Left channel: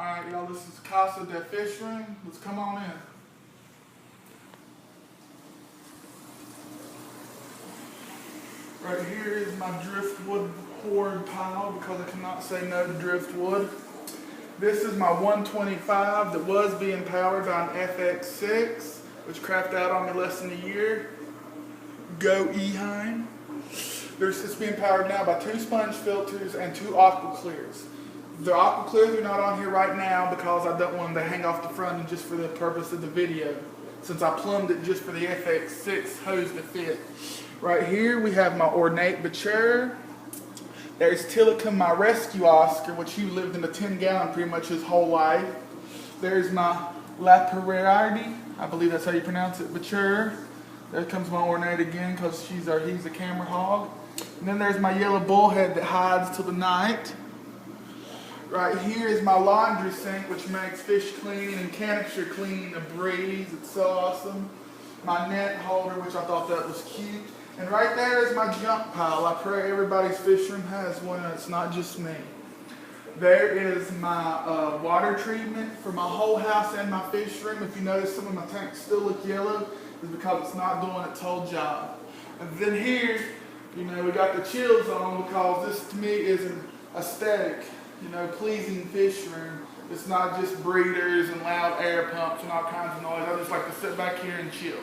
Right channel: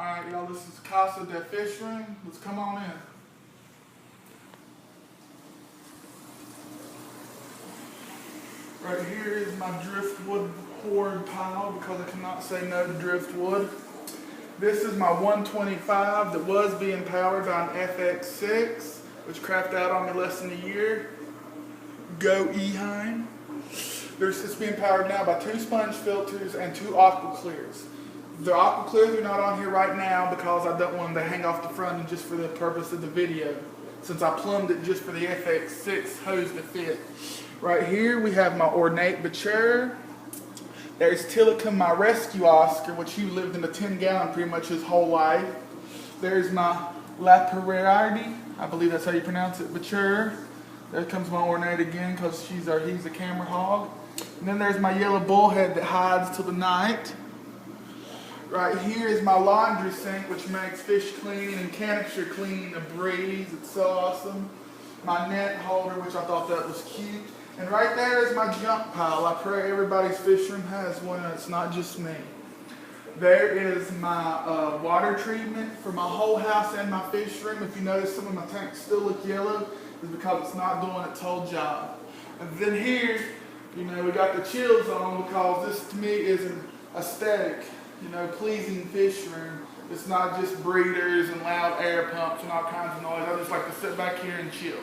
Alright, y'all, this is Casa de Fish Room. Let's come on in. Right here is my driftwood hoard pile because I cannot say no to driftwood. This is my 125 that was being powered by an FX6, which crapped out on me less than a year. Go Eheim. It's being powered now by 2 sponge filters and 2 aqua clears. The aqua clears are not on here right now because I don't want them to hang off the front and just for the purpose of the video, since I plumbed it just for the FX6 hose to fit. Right here we have my ornate mature. There's Tillicum, my rescue Oscar, which he lived in a 10-gallon pretty much his whole life. There's my La Pereardi, I believe that's how you pronounce it, mature. There comes my ornate again because he's a camera hog. And then there's my yellow bullhead that hides till the night. Right here is my laundry sink, which makes fish cleaning and canister cleaning a breeze. It's so awesome. My net holder, which I thought that was cute. And right there is my junk pile. I pray everybody's fish room has one, and it's not just me. There is my water treatment for my whole house and my fish room. If you notice some of my tanks still look yellow, it's because it's not doing its whole job. And then here, we got the chills on because this to me is an aesthetic, pleasing fish room. It's not just breeders and loud air pumps and all kinds of noise. I just like to sit back here and chill.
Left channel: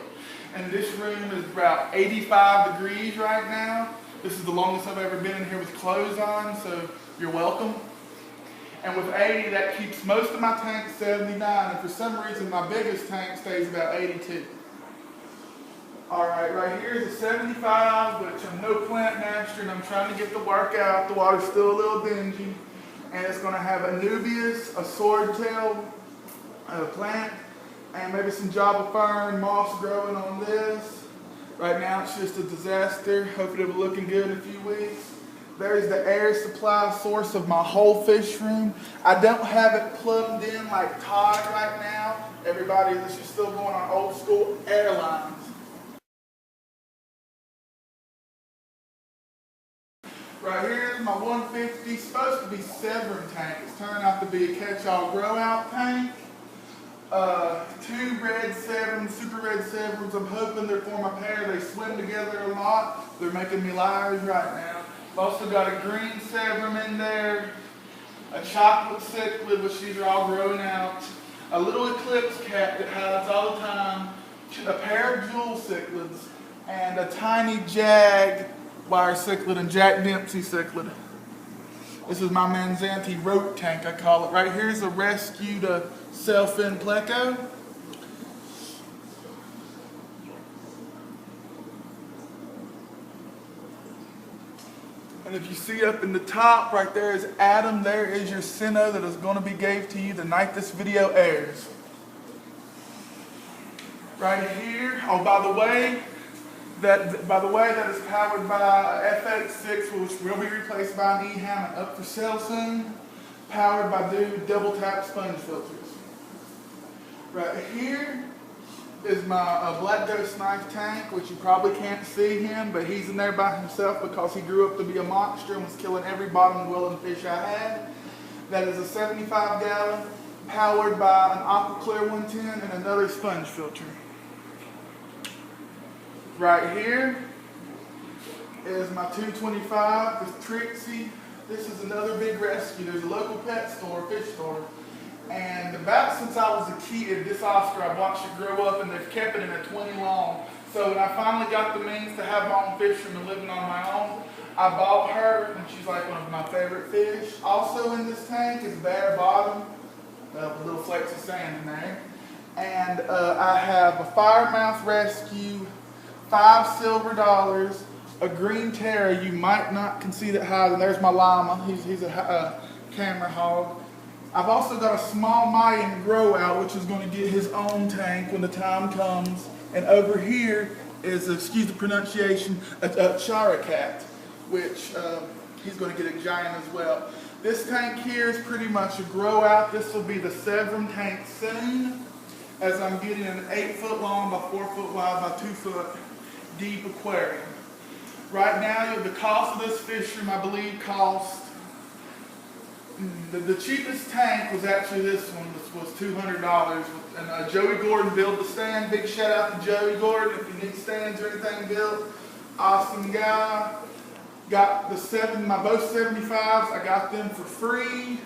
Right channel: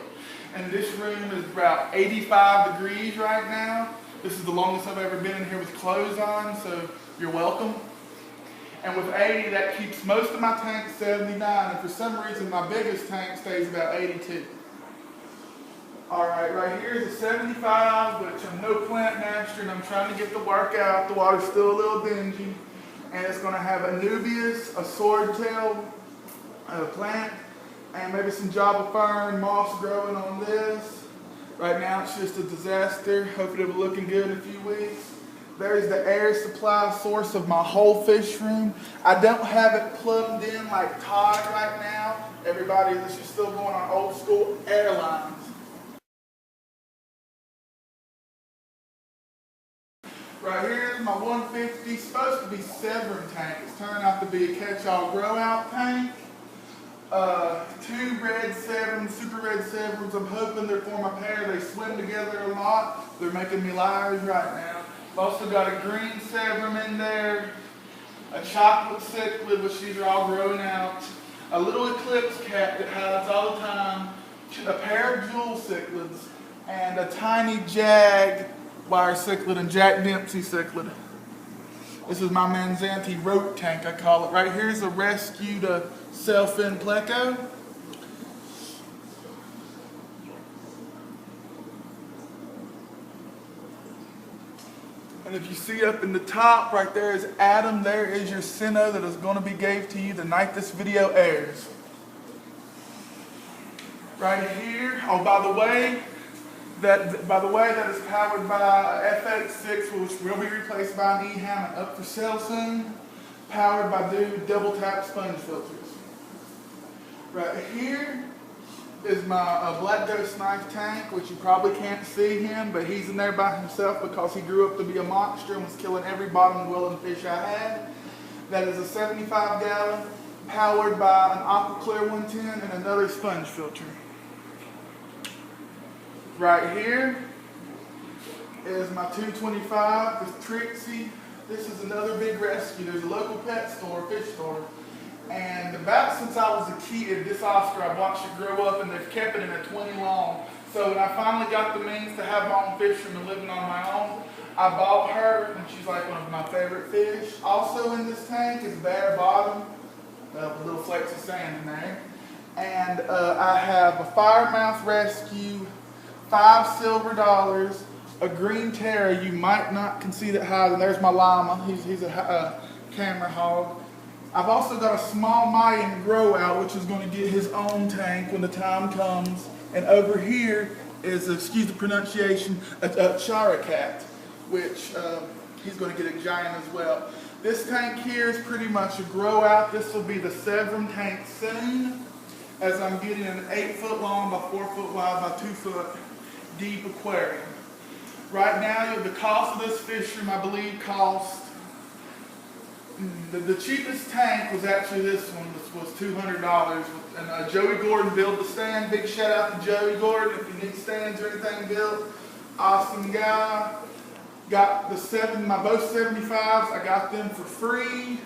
And this room is about 85 degrees right now. This is the longest I've ever been in here with clothes on, so you're welcome. And with 80, that keeps most of my tanks 79, and for some reason my biggest tank stays about 82. Alright, right here is a 75, which I'm no plant master and I'm trying to get the work out. The water's still a little dingy. And it's going to have a Nubius, a swordtail, a plant, and maybe some Java fern, moss growing on this. Right now it's just a disaster. Hopefully it'll be looking good in a few weeks. There's the air supply source of my whole fish room. I don't have it plumbed in like Todd right now. Everybody, this is still going on old school airlines. Right here is my 150, supposed to be Severn tank. It's turned out to be a catch-all grow-out tank. 2 red Severns, super red Severns. I'm hoping they're for my pair. They swim together a lot. They're making me liars right now. I've also got a green Severn in there, a chocolate cichlid, which these are all growing out, a little eclipse cat that hides all the time, a pair of jewel cichlids, and a tiny jag wire cichlid and Jack Dempsey cichlid. This is my Manzanti rope tank, I call it. Right here's a rescued sailfin pleco. And if you see up in the top, right there is Adam. There is your Sinnoh that is going to be gave to you the night this video airs. Right here, oh by the way, that is powered by FX6, which will be replaced by an Eheim and up for sale soon. Powered by double tap sponge filters. Right here is my Black Ghost knife tank, which you probably can't see him, but he's in there by himself because he grew up to be a monster and was killing every bottom dwelling fish I had. That is a 75-gallon, powered by an Aqua Clear 110 and another sponge filter. Right here is my 225 with Trixie. This is another big rescue. There's a local pet store, fish store. And about since I was a kid, this Oscar, I've watched it grow up and they've kept it in a 20 long. So when I finally got the means to have my own fish room and living on my own, I bought her and she's like one of my favorite fish. Also in this tank is bare bottom, with little flakes of sand in there. And I have a firemouth rescue, 5 silver dollars, a green terror you might not can see that high, and there's my llama, he's a camera hog. I've also got a small Mayan grow out, which is going to get his own tank when the time comes. And over here is, excuse the pronunciation, a characat, which he's going to get a giant as well. This tank here is pretty much a grow out. This will be the Severn tank soon, as I'm getting an 8-foot long by 4-foot wide by 2-foot deep aquarium. Right now, the cost of this fish room, I believe, cost The cheapest tank was actually this one, was $200. And Joey Gordon built the stand. Big shout out to Joey Gordon if you need stands or anything built. Awesome guy. Got my both 75s, I got them for free.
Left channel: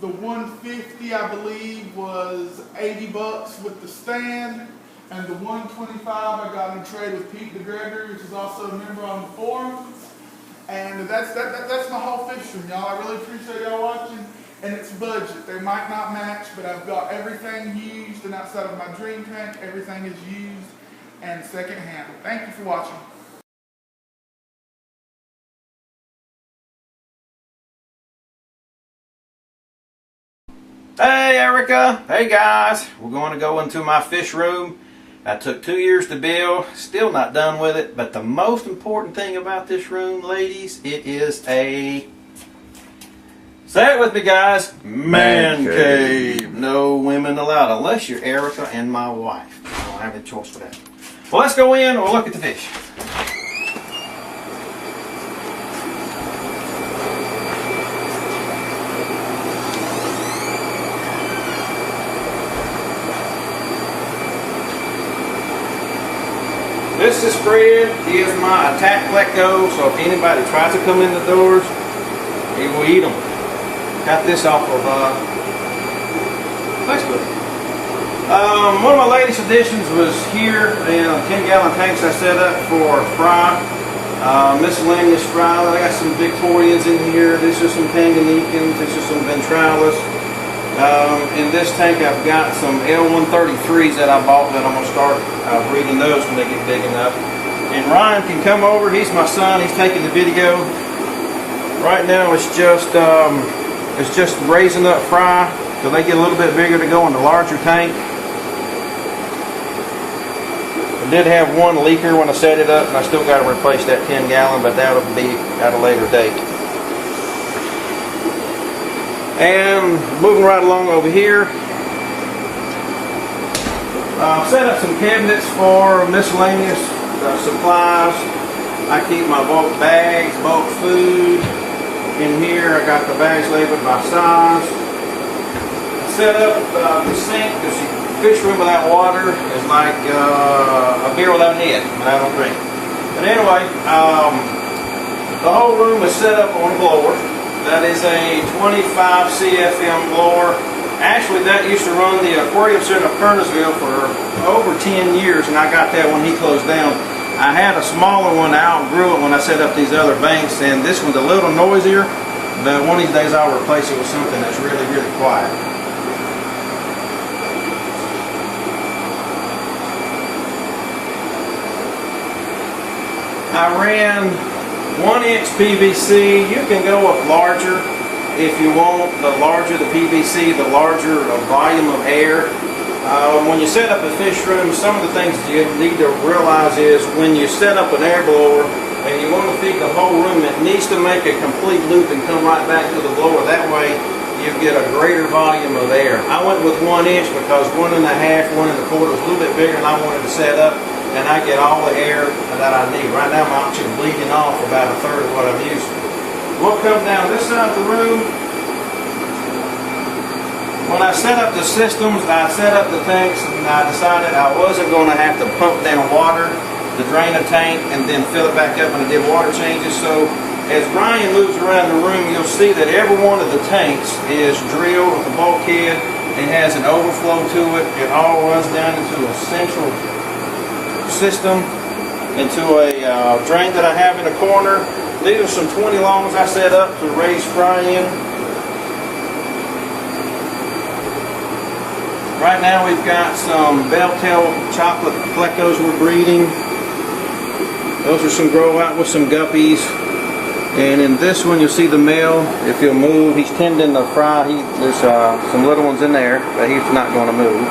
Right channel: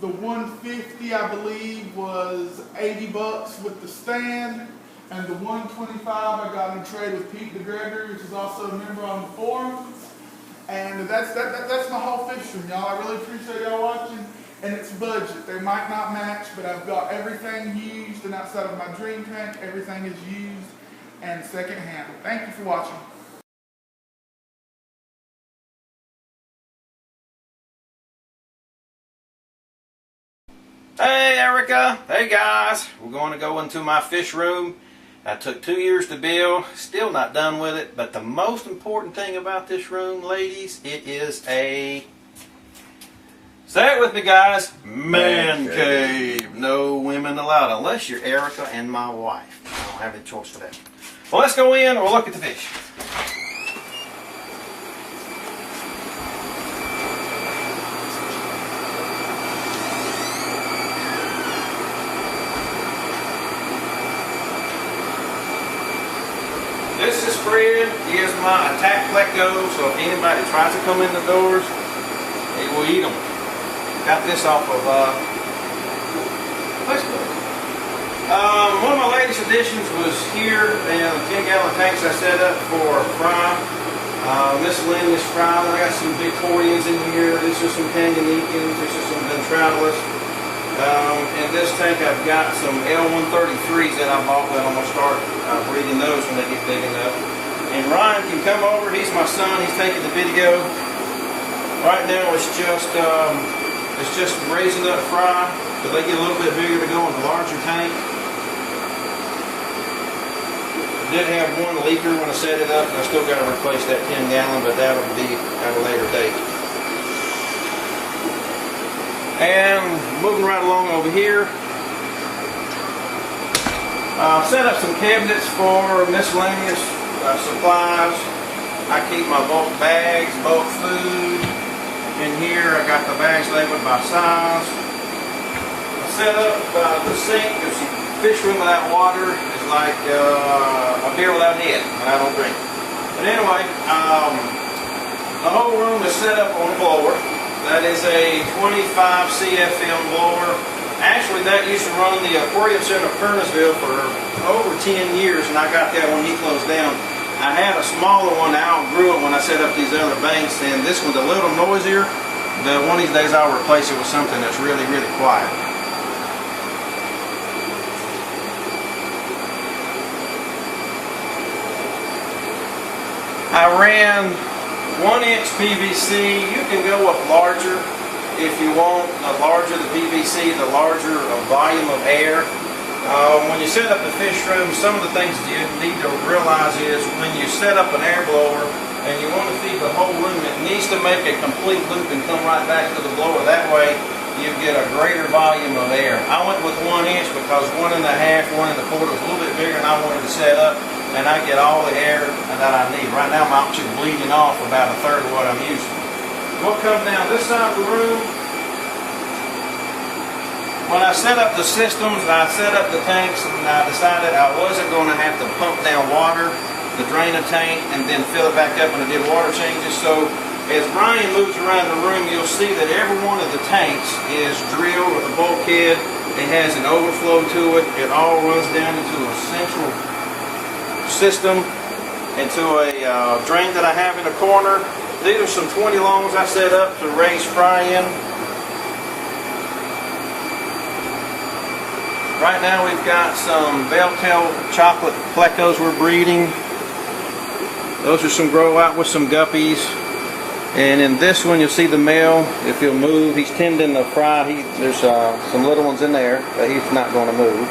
The 150 I believe was $80 with the stand. And the 125 I got in trade with Pete DeGregory, which is also a member on the forums. And that's my whole fish room, y'all. I really appreciate y'all watching. And it's budget. They might not match, but I've got everything used, and outside of my dream tank, everything is used and secondhand. Thank you for watching. Hey Erica, hey guys, we're going to go into my fish room. I took 2 years to build, still not done with it, but the most important thing about this room, ladies, it is a, say it with me guys, man cave. No women allowed unless you're Erica and my wife. I don't have any choice for that. Well, let's go in and we'll look at the fish. This is Triad. He is my attack pleco, so if anybody tries to come in the doors, he will eat them. Got this off of Facebook. One of my latest additions was here, the 10-gallon tanks I set up for fry, miscellaneous fry. I got some Victorians in here. This is some Tanganyikans. This is some Ventralis. In this tank I've got some L133s that I bought that I'm going to start breeding those when they get big enough. And Ryan can come over, he's my son, he's taking the video. Right now it's just raising up fry so they get a little bit bigger to go in the larger tank. I did have one leaker when I set it up and I still got to replace that 10-gallon, but that'll be at a later date. And moving right along over here, set up some cabinets for miscellaneous supplies. I keep my bulk bags, bulk food. In here I got the bags labeled by size. I set up the sink because the fish room without water is like a beer without head when I don't drink. But anyway, the whole room is set up on a blower. That is a 25 CFM blower. Actually, that used to run the Aquarium Center of Kernersville for over 10 years, and I got that when he closed down. I had a smaller one out and grew it when I set up these other banks, and this one's a little noisier, but one of these days I'll replace it with something that's really, really quiet. I ran 1-inch PVC. You can go up larger if you want. The larger the PVC, the larger the volume of air. When you set up a fish room, some of the things you need to realize is when you set up an air blower and you want to feed the whole room, it needs to make a complete loop and come right back to the blower. That way you get a greater volume of air. I went with 1 inch because 1 1/2, 1 1/4 was a little bit bigger than I wanted to set up, and I get all the air that I need. Right now I'm actually bleeding off about 1/3 of what I'm using. We'll come down this side of the room. When I set up the systems, I set up the tanks, and I decided I wasn't going to have to pump down water to drain a tank and then fill it back up when I did water changes. So as Brian moves around the room, you'll see that every one of the tanks is drilled with a bulkhead. It has an overflow to it. It all runs down into a central system, into a drain that I have in the corner. These are some 20 longs I set up to raise fry in. Right now we've got some bell-tail chocolate plecos we're breeding. Those are some grow out with some guppies. And in this one you'll see the male, if he'll move, he's tending to fry. There's some little ones in there that he's not going to move.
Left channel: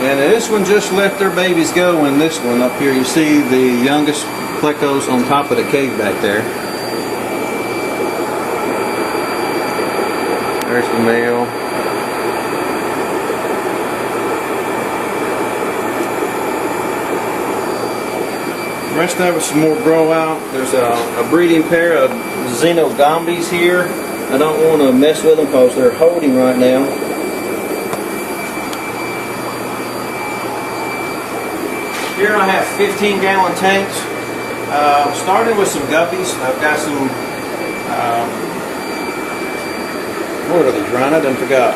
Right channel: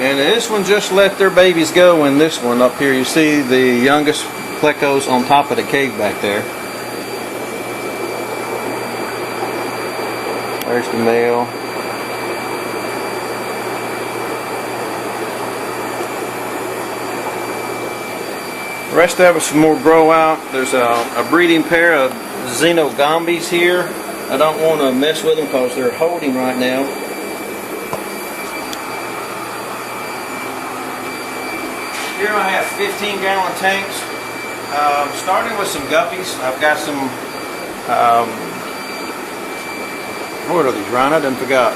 And this one just let their babies go. In this one up here you see the youngest plecos on top of the cave back there. There's the male. Rest of it's some more grow out. There's a breeding pair of Xenogombis here. I don't want to mess with them because they're holding right now. Here I have 15-gallon tanks. Starting with some guppies. I've got some, what are these, Ryan? I done forgot.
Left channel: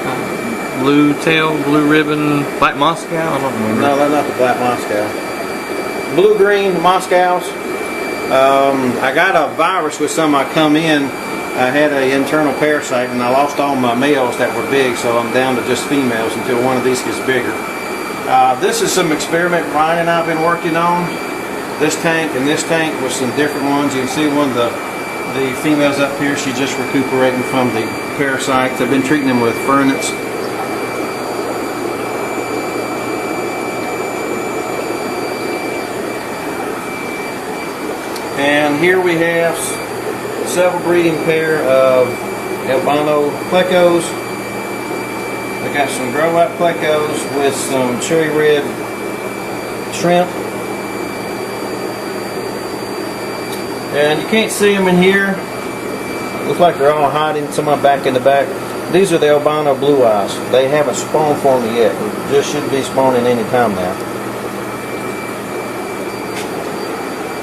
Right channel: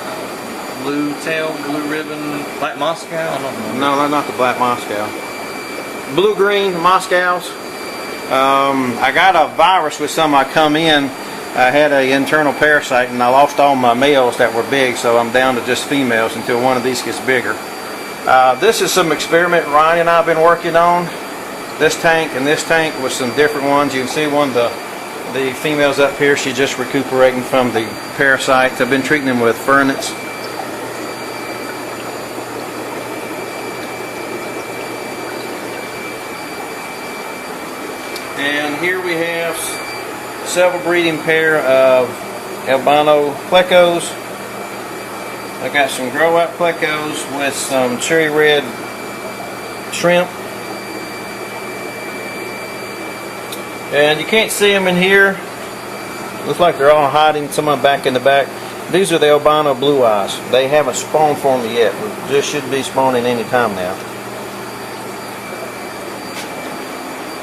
Blue tail, blue ribbon, black Moscow? I don't remember. No, they're not the black Moscow. Blue-green Moscows. I got a virus with some I come in. I had an internal parasite and I lost all my males that were big, so I'm down to just females until one of these gets bigger. This is some experiment Ryan and I have been working on. This tank and this tank with some different ones. You can see one of the females up here, she's just recuperating from the parasites. I've been treating them with fernets. And here we have several breeding pair of albino plecos. I got some grow out plecos with some cherry red shrimp. And you can't see them in here. Looks like they're all hiding, some of them back in the back. These are the albino blue eyes. They haven't spawned for me yet. This should be spawning any time now.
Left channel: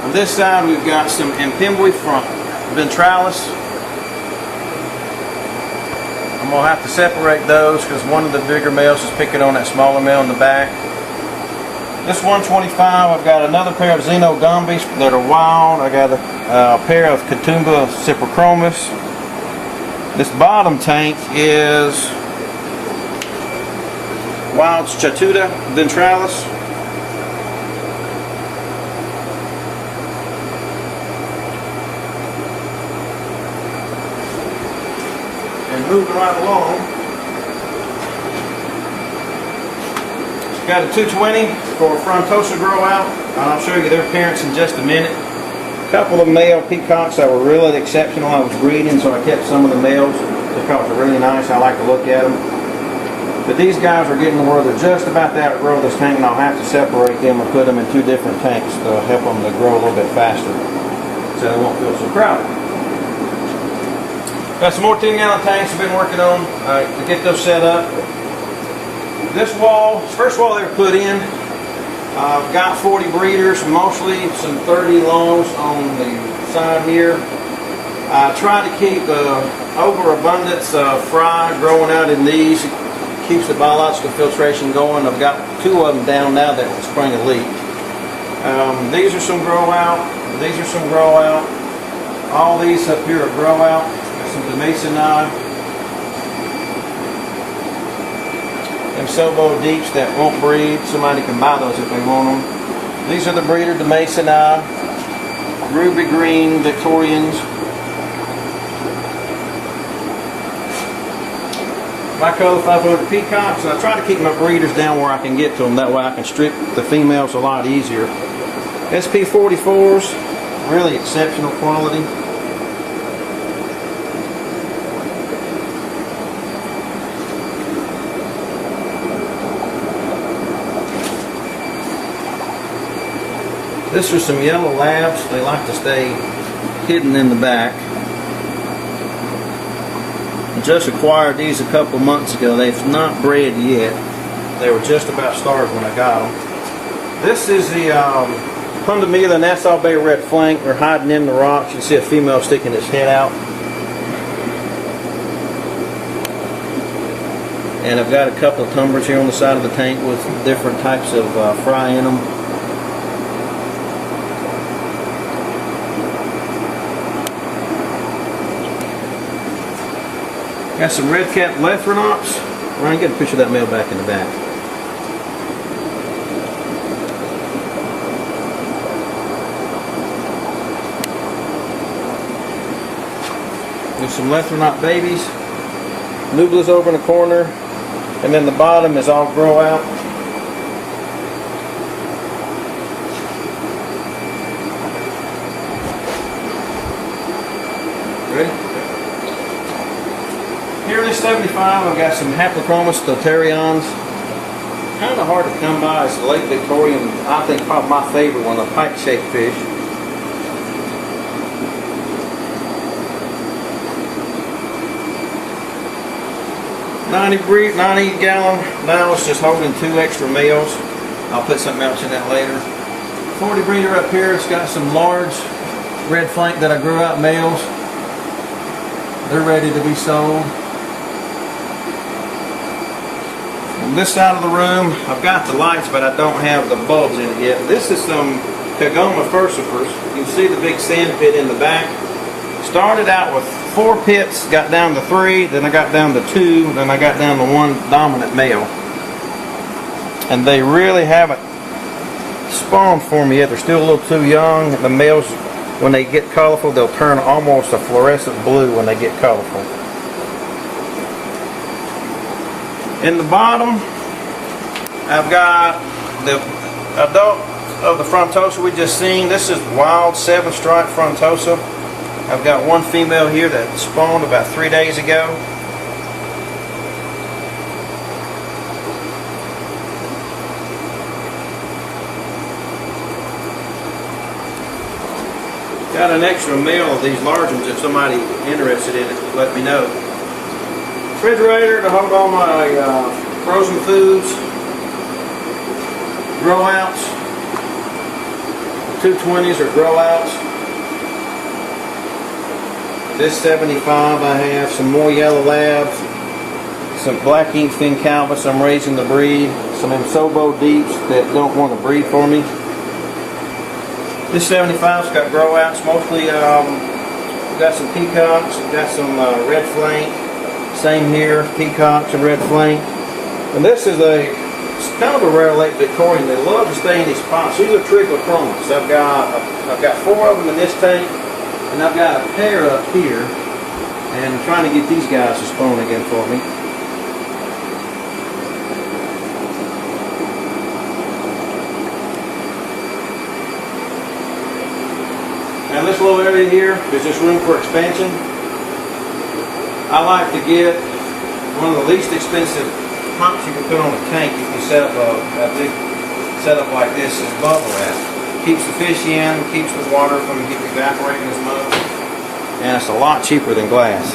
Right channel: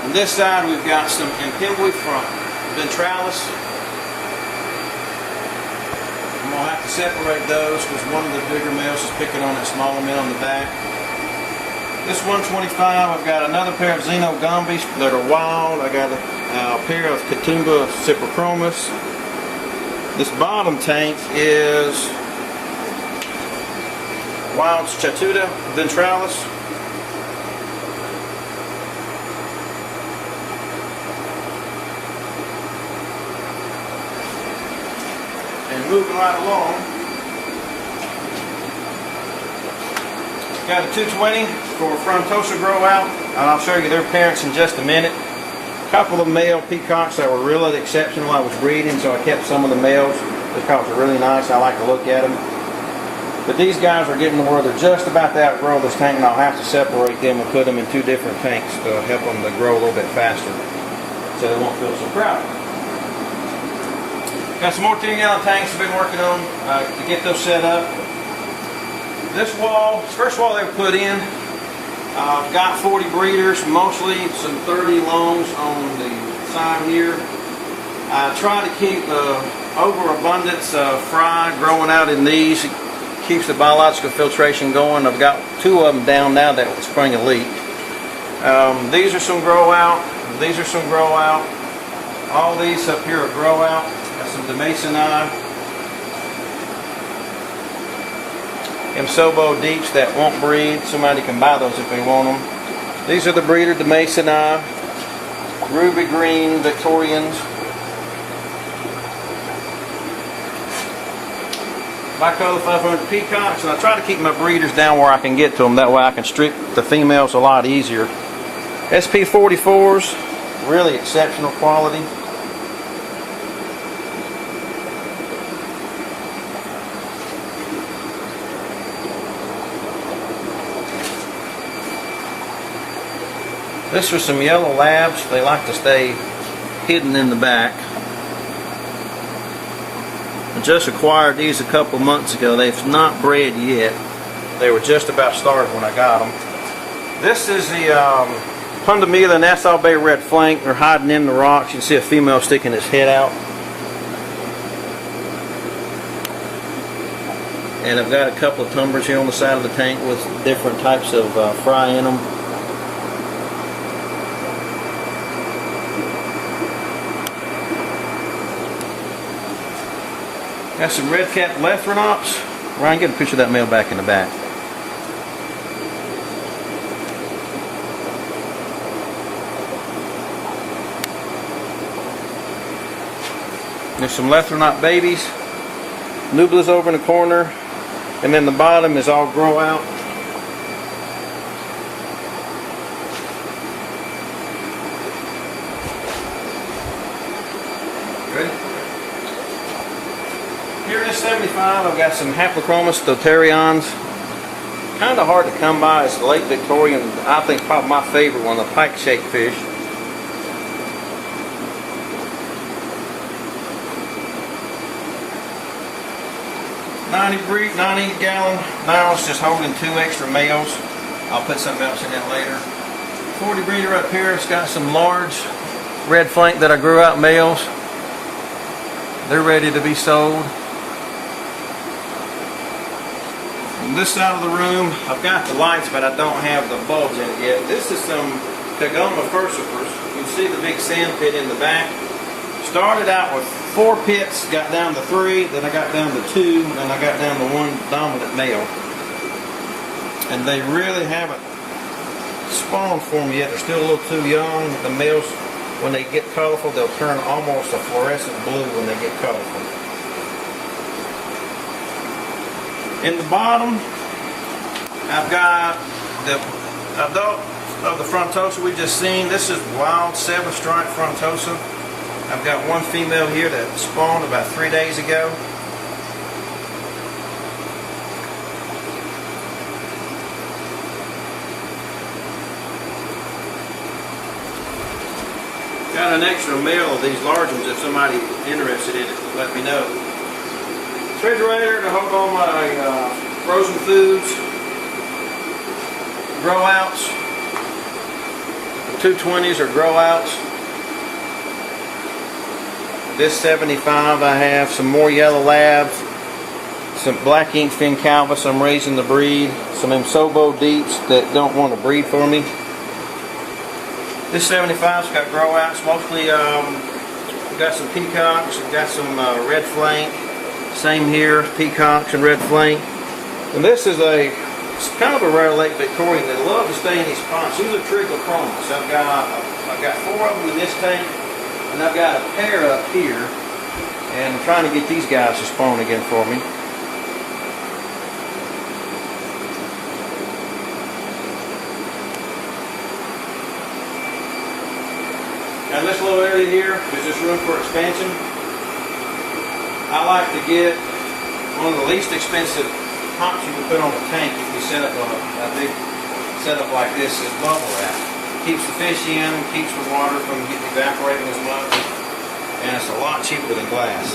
On this side we've got some Impimbi from ventralis. I'm going to have to separate those because one of the bigger males is picking on that smaller male in the back. This 125, I've got another pair of Xenogombis that are wild. I got a pair of Catumba ciprochromis. This bottom tank is wild Chatuda ventralis. And moving right along, got a 220 for frontosa grow out, and I'll show you their parents in just a minute. A couple of male peacocks that were really exceptional. I was breeding, so I kept some of the males because they're really nice. I like to look at them. But these guys are getting to where they're just about to outgrow this tank, and I'll have to separate them and put them in two different tanks to help them to grow a little bit faster, so they won't feel so crowded. Got some more 10-gallon tanks I've been working on to get those set up. This wall, first wall they were put in, I've got 40 breeders, mostly some 30 longs on the side here. I try to keep overabundance of fry growing out in these. It keeps the biological filtration going. I've got 2 of them down now that will spring a leak. These are some grow out. These are some grow out. All these up here are grow out. Got some Demasoni. And Sobo Deeps that won't breed. Somebody can buy those if they want them. These are the breeder Demasoni, Ruby Green Victorians. My color 500 peacocks, and I try to keep my breeders down where I can get to them. That way I can strip the females a lot easier. SP44s, really exceptional quality. This is some yellow labs. They like to stay hidden in the back. I just acquired these a couple months ago. They've not bred yet. They were just about started when I got them. This is the Pundamila Nassau Bay Red Flank. They're hiding in the rocks. You can see a female sticking his head out. And I've got a couple of tumblers here on the side of the tank with different types of fry in them. Got some red-capped Lethrinops. Ryan, get a picture of that male back in the back. There's some Lethrinop babies. Nubla's over in the corner. And then the bottom is all grow out. Ready? Here in this 75, I've got some Haplochromis Doterions. kind of hard to come by is Lake Victoria, and I think probably my favorite one, the pike shake fish. $90 gallon ballast, just holding 2 extra males. I'll put something else in that later. 40 breeder up here. It's got some large red flank that I grew out males. They're ready to be sold. On this side of the room, I've got the lights, but I don't have the bulbs in it yet. This is some Kagoma furcifers. You can see the big sand pit in the back. Started out with 4 pits, got down to 3, then I got down to 2, then I got down to 1 dominant male. And they really haven't spawned for me yet. They're still a little too young. The males, when they get colorful, they'll turn almost a fluorescent blue when they get colorful. In the bottom, I've got the adult of the frontosa we just seen. This is wild 7-stripe frontosa. I've got 1 female here that spawned about 3 days ago. Got an extra male of these large ones if somebody interested in it, let me know. Refrigerator to hold all my frozen foods, grow outs, 220s or grow outs. This 75 I have some more yellow labs, some black ink fin calvus I'm raising to breed, some Imsobo deeps that don't want to breed for me. This 75's got grow outs, mostly we've got some peacocks, we've got some red flank, same here, peacocks and red flank. And this is it's kind of a rare Lake Victorian. They love to stay in these pots. These are trichlochromas. I've got 4 of them in this tank, and I've got a pair up here, and I'm trying to get these guys to spawn again for me. And this little area here is just room for expansion. I like to get one of the least expensive pumps you can put on a tank if you set up a big setup like this is bubble wrap. Keeps the fish in, keeps the water from evaporating as much, and it's a lot cheaper than glass.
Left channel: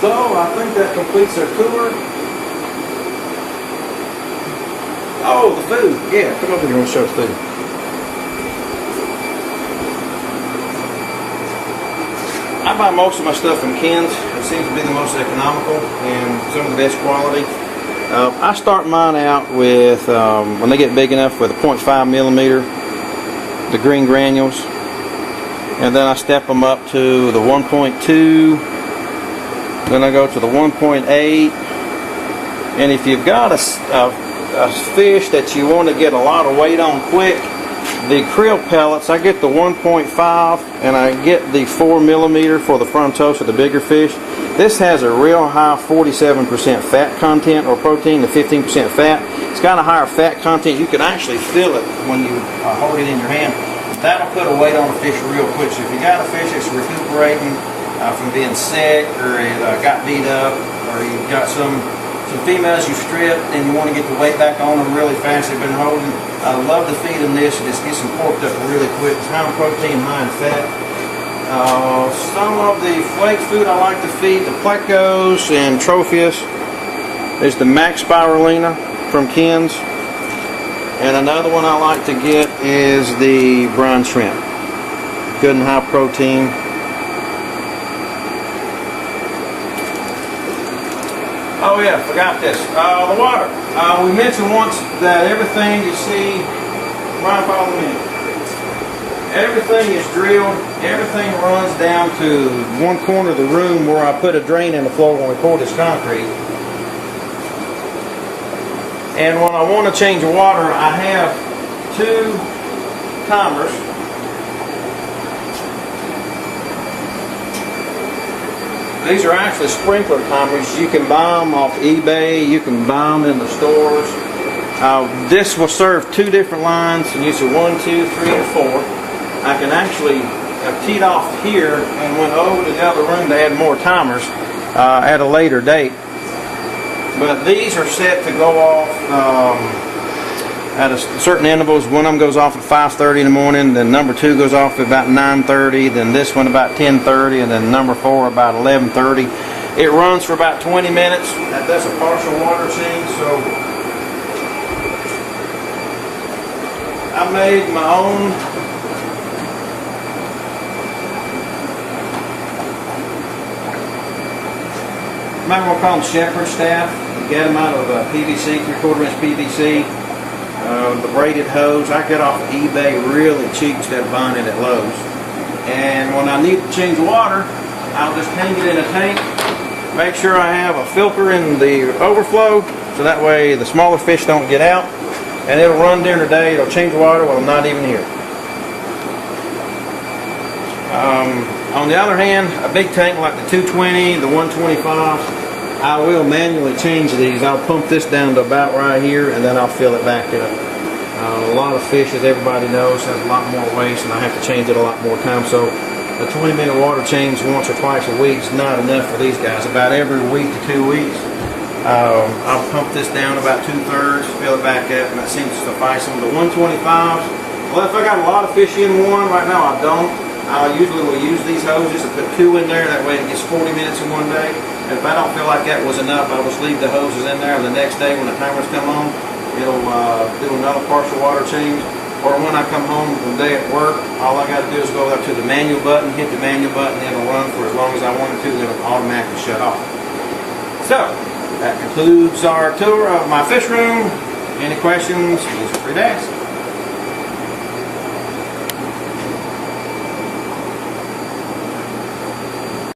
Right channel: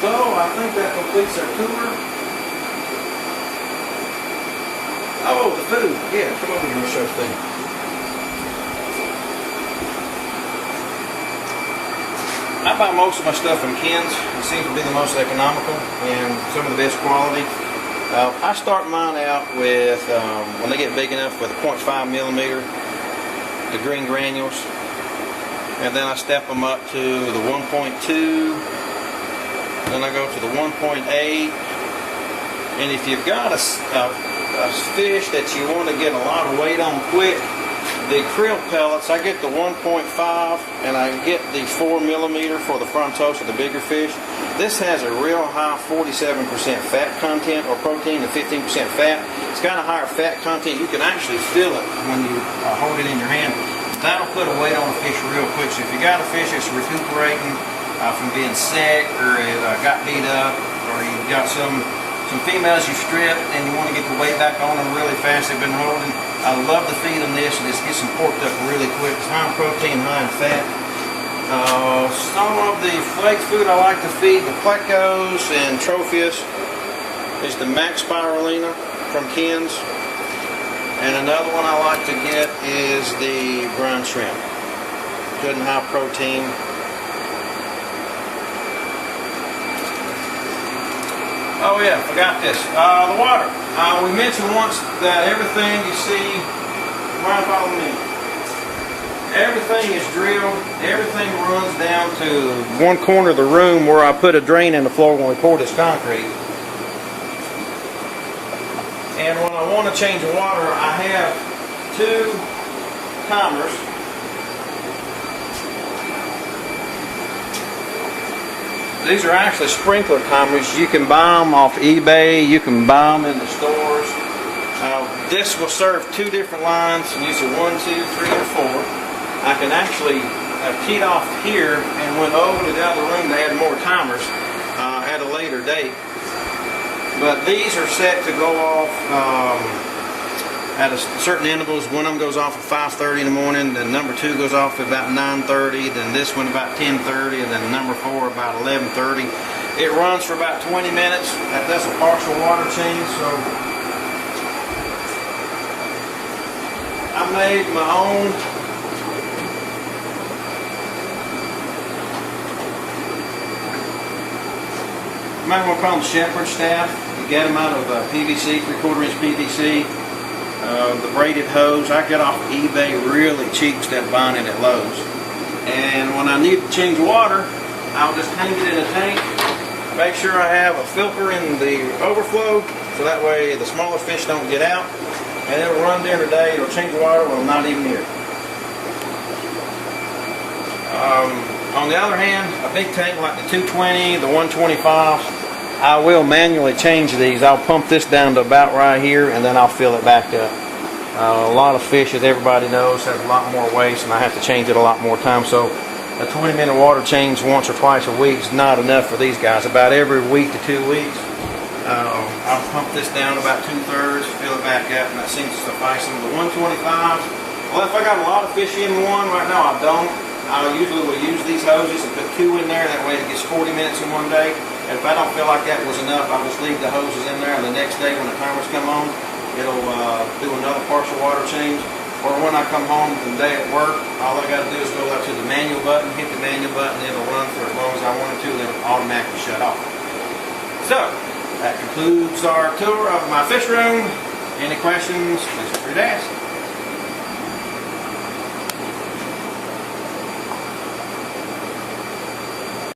So I think that completes our tour. Oh, the food. Yeah, come over here and show the food. I buy most of my stuff from Ken's. It seems to be the most economical and some of the best quality. I start mine out with, when they get big enough, with a 0.5 millimeter, the green granules. And then I step them up to the 1.2. Then I go to the 1.8. And if you've got a fish that you want to get a lot of weight on quick, the krill pellets, I get the 1.5 and I get the 4 millimeter for the frontosa, the bigger fish. This has a real high 47% fat content or protein to 15% fat. It's got a higher fat content. You can actually feel it when you hold it in your hand. That'll put a weight on a fish real quick. So if you got a fish that's recuperating from being sick, or it got beat up, or you've got some females you stripped and you want to get the weight back on them really fast, they've been holding, I love to feed them this and just get some porked up really quick. It's high in protein, high in fat. Some of the flake food I like to feed, the plecos and trophius, is the Max Spirulina from Ken's. And another one I like to get is the brine shrimp. Good and high protein. Oh yeah, forgot this. The water. We mentioned once that everything you see, right, follow me. Everything is drilled. Everything runs down to one corner of the room where I put a drain in the floor when we pour this concrete. And when I want to change the water, I have 2 timers. These are actually sprinkler timers. You can buy them off eBay. You can buy them in the stores. This will serve 2 different lines. You use 1, 2, 3, and 4. I can actually have teed off here and went over to the other room to add more timers at a later date. But these are set to go off at a certain intervals. One of them goes off at 5:30 in the morning, then number 2 goes off at about 9:30, then this one about 10:30, and then number 4 about 11:30. It runs for about 20 minutes. That's a partial water change, so I made my own you might want to call them shepherd staff. You get them out of PVC, 3/4 inch PVC. The braided hose I get off of eBay really cheap instead of buying it at Lowe's. And when I need to change water, I'll just hang it in a tank. Make sure I have a filter in the overflow so that way the smaller fish don't get out. And it'll run during the day. It'll change the water when I'm not even here. On the other hand, a big tank like the 220, the 125, I will manually change these. I'll pump this down to about right here, and then I'll fill it back up. A lot of fish, as everybody knows, have a lot more waste, and I have to change it a lot more times. So a 20-minute water change once or twice a week is not enough for these guys. About every week to 2 weeks, I'll pump this down about 2/3, fill it back up, and that seems to suffice them. The 125s, well, if I got a lot of fish in one, right now I don't. I usually will use these hoses and put 2 in there. That way it gets 40 minutes in one day. And if I don't feel like that was enough, I'll just leave the hoses in there. And the next day when the timers come on, it'll do another partial water change. Or when I come home the day at work, all I got to do is go up to the manual button, hit the manual button, and it'll run for as long as I want it to, and it'll automatically shut off. So, that concludes our tour of my fish room. Any questions, please feel free to ask.